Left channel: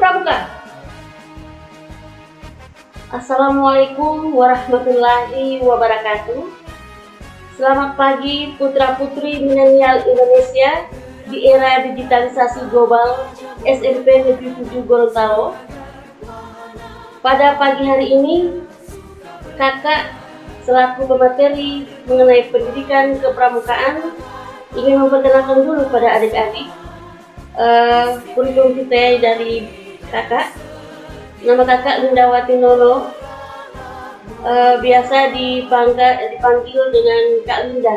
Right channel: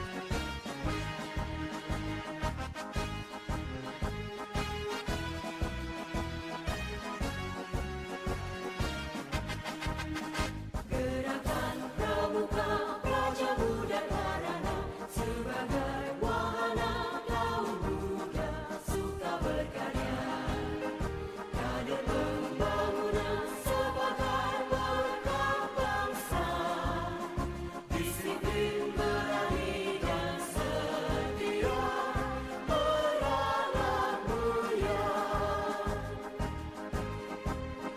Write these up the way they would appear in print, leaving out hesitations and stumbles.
Pramuka. Assalamualaikum warahmatullahi wabarakatuh. Selamat pagi putra-putri milenial Indonesia di era digitalisasi global SMP Negeri 7 Gorontalo. Pada pagi hari ini, kakak selaku pemateri mengenai pendidikan kepramukaan ingin memperkenalkan dulu pada adik-adik kurikulum kita dari kakak. Nama kakak Lindawati Nono, biasa dipanggil dengan Kak Linda.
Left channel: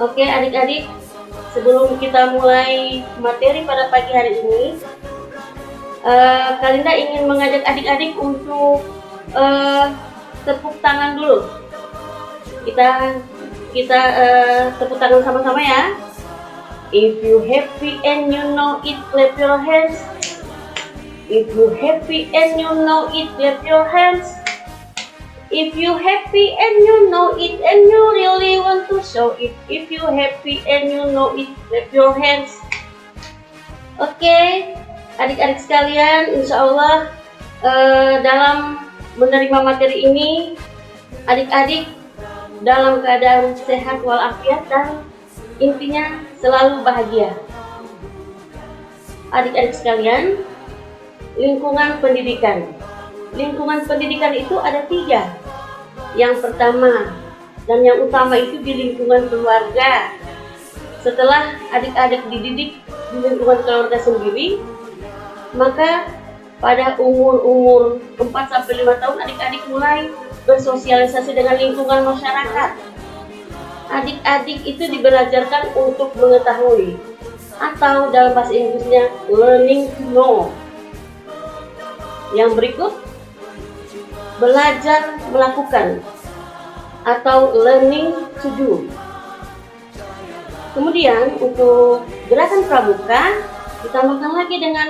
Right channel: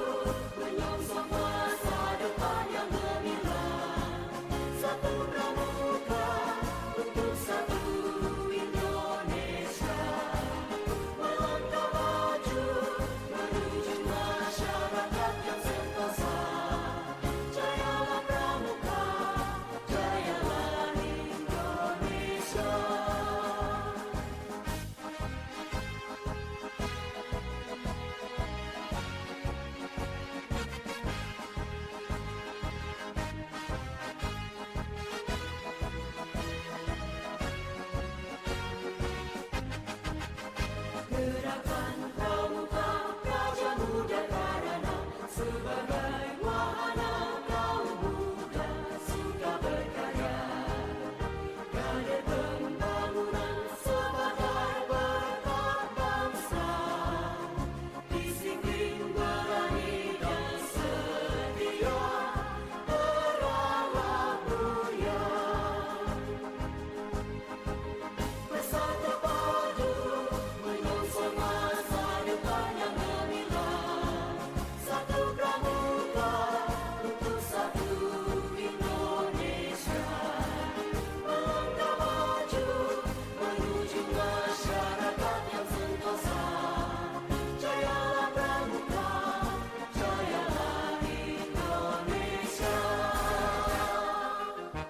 Oke adik-adik, sebelum kita mulai materi pada pagi hari ini, Kak Linda ingin mengajak adik-adik untuk tepuk tangan dulu. Kita tepuk tangan sama-sama ya. If you happy and you know it, clap your hands. If you happy and you know it, clap your hands. If you happy and you know it and you really want to show it. If you happy and you know it, clap your hands. Oke, adik-adik sekalian, insya Allah dalam menerima materi ini, adik-adik dalam keadaan sehat walafiat dan intinya selalu bahagia. Adik-adik sekalian, lingkungan pendidikan. Lingkungan pendidikan itu ada 3. Yang pertama dan yang utama itu di lingkungan keluarga. Setelah adik-adik dididik di lingkungan keluarga sendiri, maka pada umur 4-5 tahun adik-adik mulai bersosialisasi dengan lingkungan masyarakat. Adik-adik itu dibelajarkan untuk mengetahui, atau dalam bahasa Inggrisnya learning to know. Yang berikut, belajar melakukan atau learning to do. Kemudian untuk gerakan pramuka ditambahkan lagi dengan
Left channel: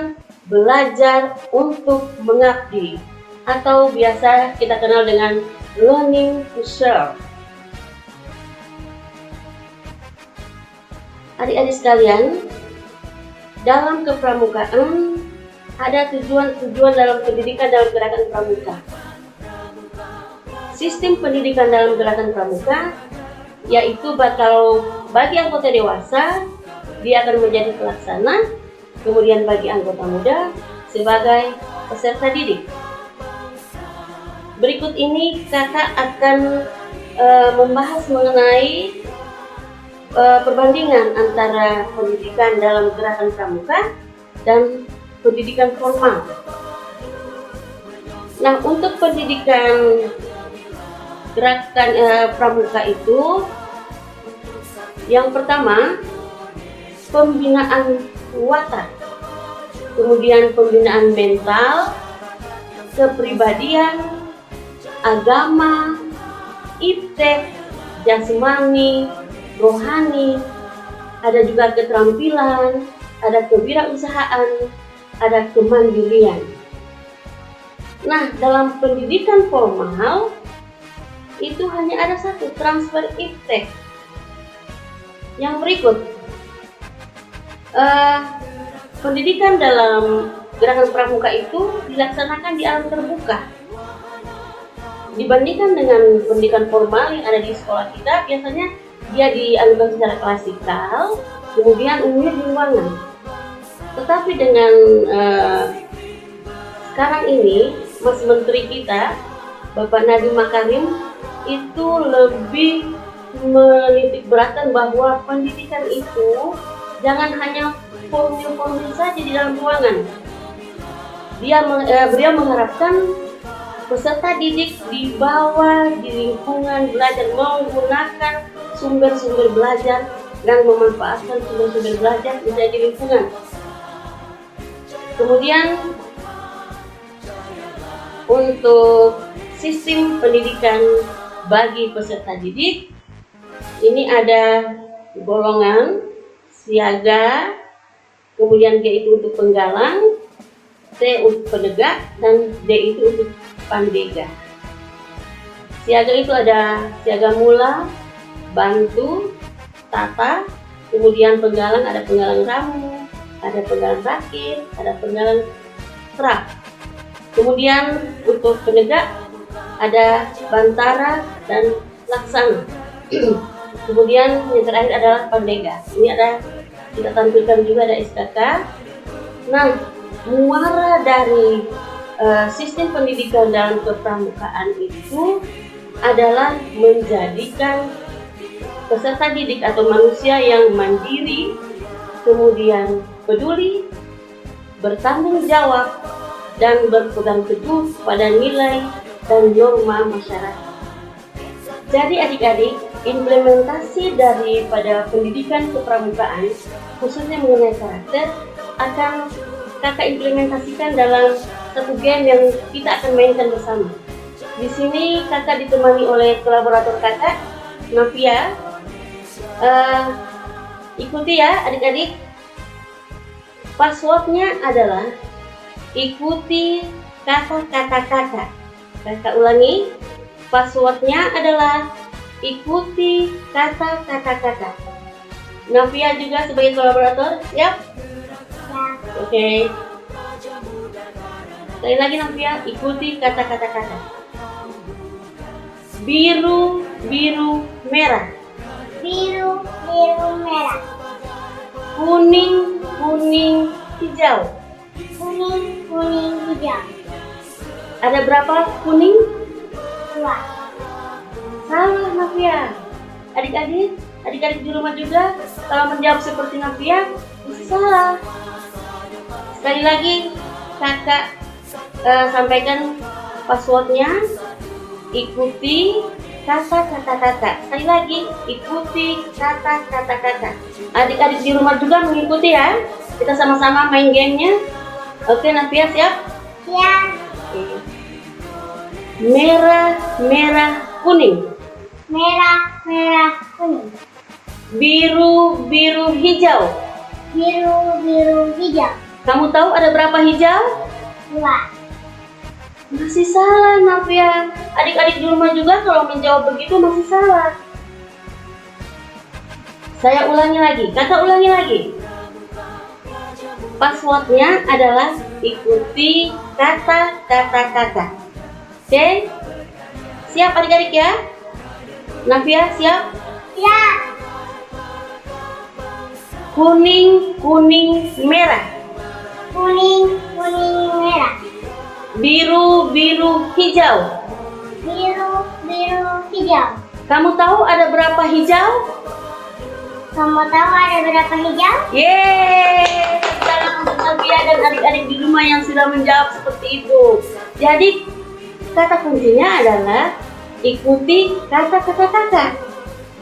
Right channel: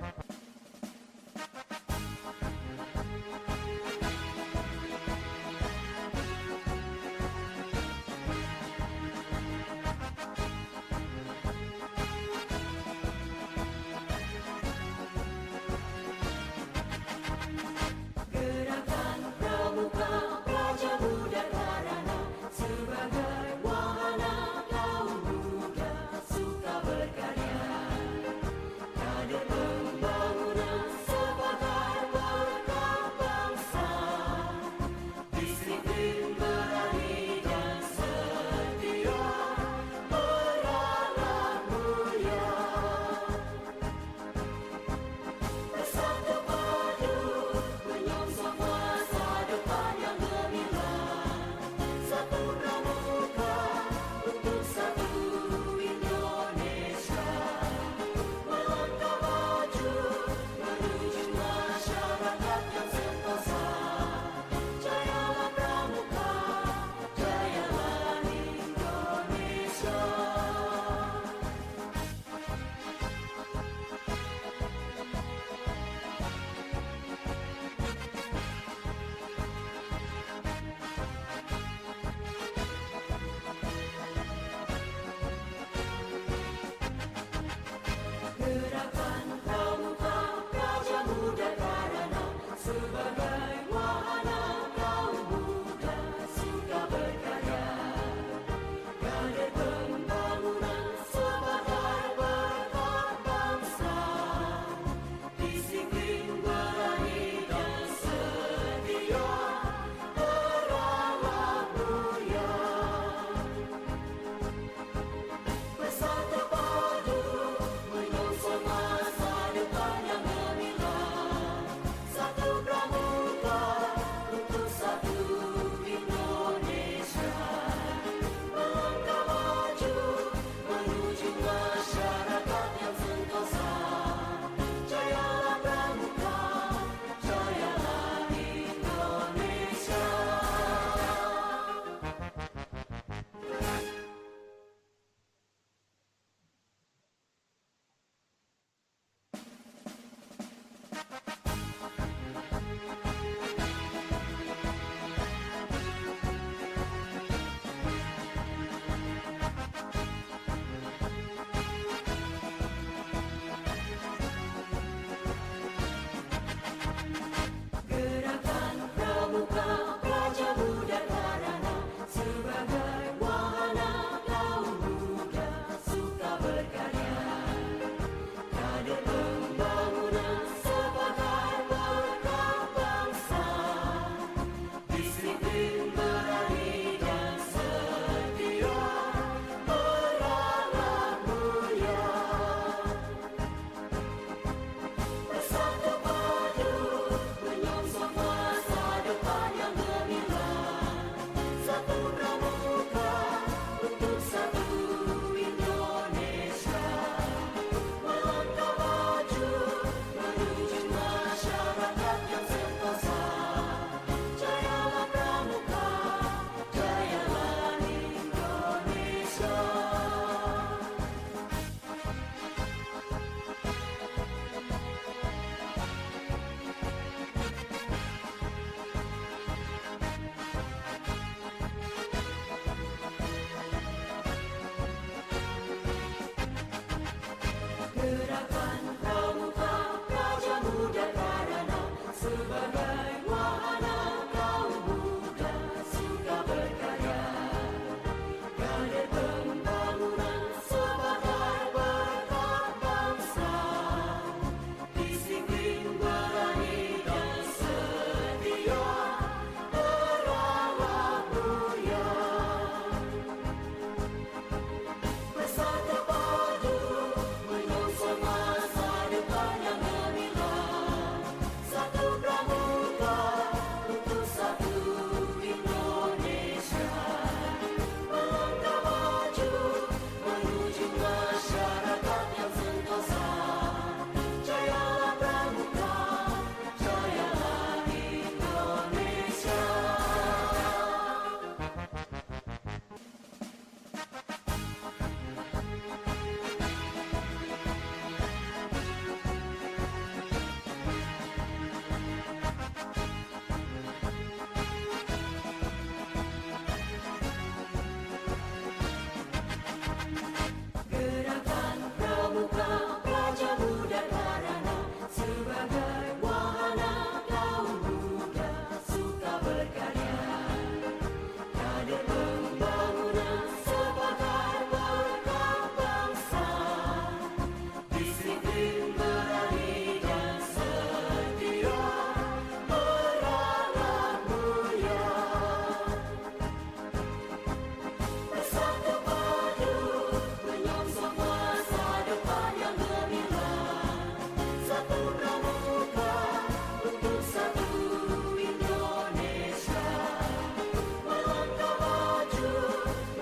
belajar untuk mengabdi, atau biasa kita kenal dengan learning to serve. Adik-adik sekalian, dalam kepramukaan ada tujuan-tujuan dalam pendidikan dalam gerakan pramuka. Sistem pendidikan dalam gerakan pramuka yaitu kalau bagi anggota dewasa dia akan menjadi pelaksana, kemudian bagi anggota muda sebagai peserta didik. Berikut ini kakak akan membahas mengenai perbandingan antara pendidikan dalam gerakan pramuka dan pendidikan formal. Nah, untuk pendidikan gerakan pramuka itu, yang pertama pembinaan watak, kemudian pembinaan mental, kepribadian, agama, iptek, jasmani, rohani, ada juga keterampilan, ada kewirausahaan, ada kemandirian. Nah, dalam pendidikan formal itu hanya ada satu, transfer iptek. Yang berikut, pendidikan dalam gerakan pramuka itu dilaksanakan di alam terbuka. Dibandingkan dengan pendidikan formal yang ada di sekolah kita, biasanya dia diajukan secara klasikal, kemudian umumnya di ruangan. Tetapi dengan sekarang ini, Mas Menteri kita, Bapak Nadiem Makarim, itu lebih menitik beratkan bahwa pendidikan itu jangan hanya formil-formil saja di dalam ruangan. Beliau mengharapkan peserta didik dibawa di lingkungan belajar, menggunakan sumber-sumber belajar dan memanfaatkan sumber-sumber belajar di lingkungan. Kemudian untuk sistem pendidikan bagi peserta didik, ini ada golongan, siaga, kemudian G itu untuk penggalang, T untuk penegak, dan D itu untuk pandega. Siaga itu ada siaga mula, bantu, tata, kemudian penggalang ada penggalang ramu, ada penggalan rakit, ada penggalan strap. Kemudian untuk penegak ada bantara dan laksana. Kemudian yang terakhir adalah pandega. Ini ada kita tampilkan juga ada SKK. Nah, muara dari sistem pendidikan dalam kepramukaan itu adalah menjadikan peserta didik atau manusia yang mandiri, kemudian peduli, bertanggung jawab, dan berpegang teguh pada nilai dan norma masyarakat. Jadi adik-adik, implementasi daripada pendidikan kepramukaan khususnya mengenai karakter akan kakak implementasikan dalam satu game yang kita akan mainkan bersama. Di sini kakak ditemani oleh kolaborator kakak, Novia. Ikuti ya adik-adik. Passwordnya adalah ikuti kata-kata kakak. Kakak ulangi. Passwordnya adalah ikuti kata-kata kakak. Novia juga sebagai kolaborator, siap? Oke. Sekali lagi Novia, ikuti kata-kata kakak. Biru, biru, merah. Biru, biru, merah. Kuning, kuning, hijau. Kuning, kuning, hijau. Ada berapa kuning? 2. Salah Novia. Adik-adik di rumah juga kalau menjawab seperti Novia salah. Sekali lagi kakak sampaikan passwordnya. Ikuti kata-kata kakak. Sekali lagi ikuti kata-kata kakak. Adik-adik di rumah juga mengikuti ya. Kita sama-sama main gamenya. Oke Novia siap? Siap. Merah, merah, kuning. Merah, merah, kuning. Biru, biru, hijau. Biru, biru, hijau. Kamu tahu ada berapa hijau? 2. Masih salah Novia. Adik-adik di rumah juga kalau menjawab begitu masih salah. Saya ulangi lagi, kakak ulangi lagi. Passwordnya adalah ikuti kata-kata kakak. Oke? Siap adik-adik ya? Novia siap? Siap. Kuning, kuning, merah. Kuning, kuning, merah. Biru, biru, hijau. Biru, biru, hijau. Kamu tahu ada berapa hijau? Kamu tahu ada berapa hijau? Yeay! Salam untuk Novia dan adik-adik di rumah yang sudah menjawab seperti itu. Jadi kata kuncinya adalah ikuti kata-kata kakak,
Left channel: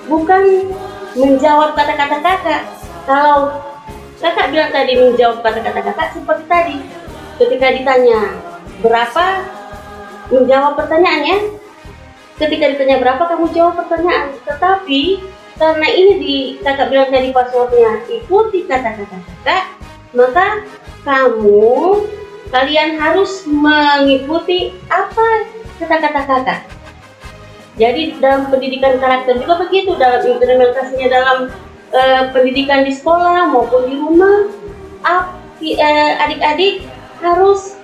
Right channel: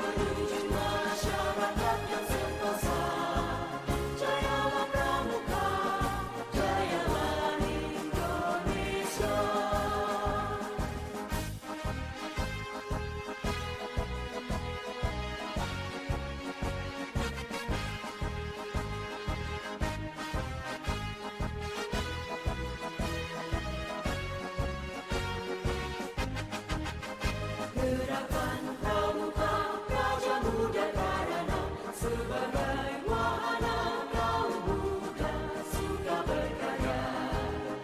bukan menjawab kata-kata kakak. Kalau kakak bilang tadi menjawab kata-kata kakak seperti tadi, ketika ditanya berapa, menjawab pertanyaannya. Ketika ditanya berapa, kamu jawab pertanyaan. Tetapi karena ini kakak bilang tadi passwordnya ikuti kata-kata kakak, maka kalian harus mengikuti apa kata-kata kakak. Jadi dalam pendidikan karakter juga begitu, dalam implementasinya dalam pendidikan di sekolah maupun di rumah, adik-adik harus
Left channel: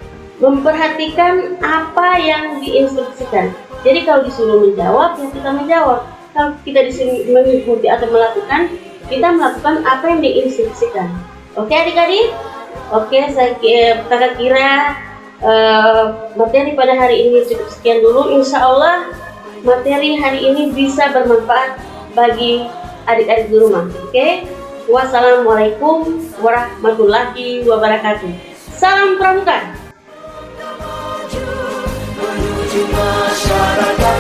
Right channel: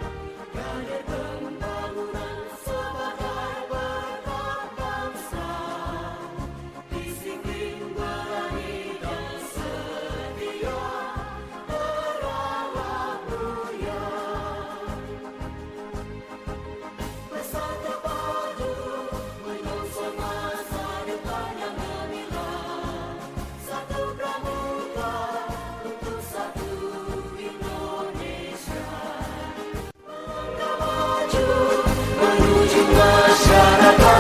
memperhatikan apa yang diinstruksikan. Jadi kalau disuruh menjawab, ya kita menjawab. Kalau kita disuruh mengikuti atau melakukan, kita melakukan apa yang diinstruksikan. Oke adik-adik? Oke, kakak kira materi pada hari ini cukup sekian dulu. Insya Allah materi hari ini bisa bermanfaat bagi adik-adik di rumah. Oke? Wassalamualaikum warahmatullahi wabarakatuh. Salam pramuka. Menuju masyarakat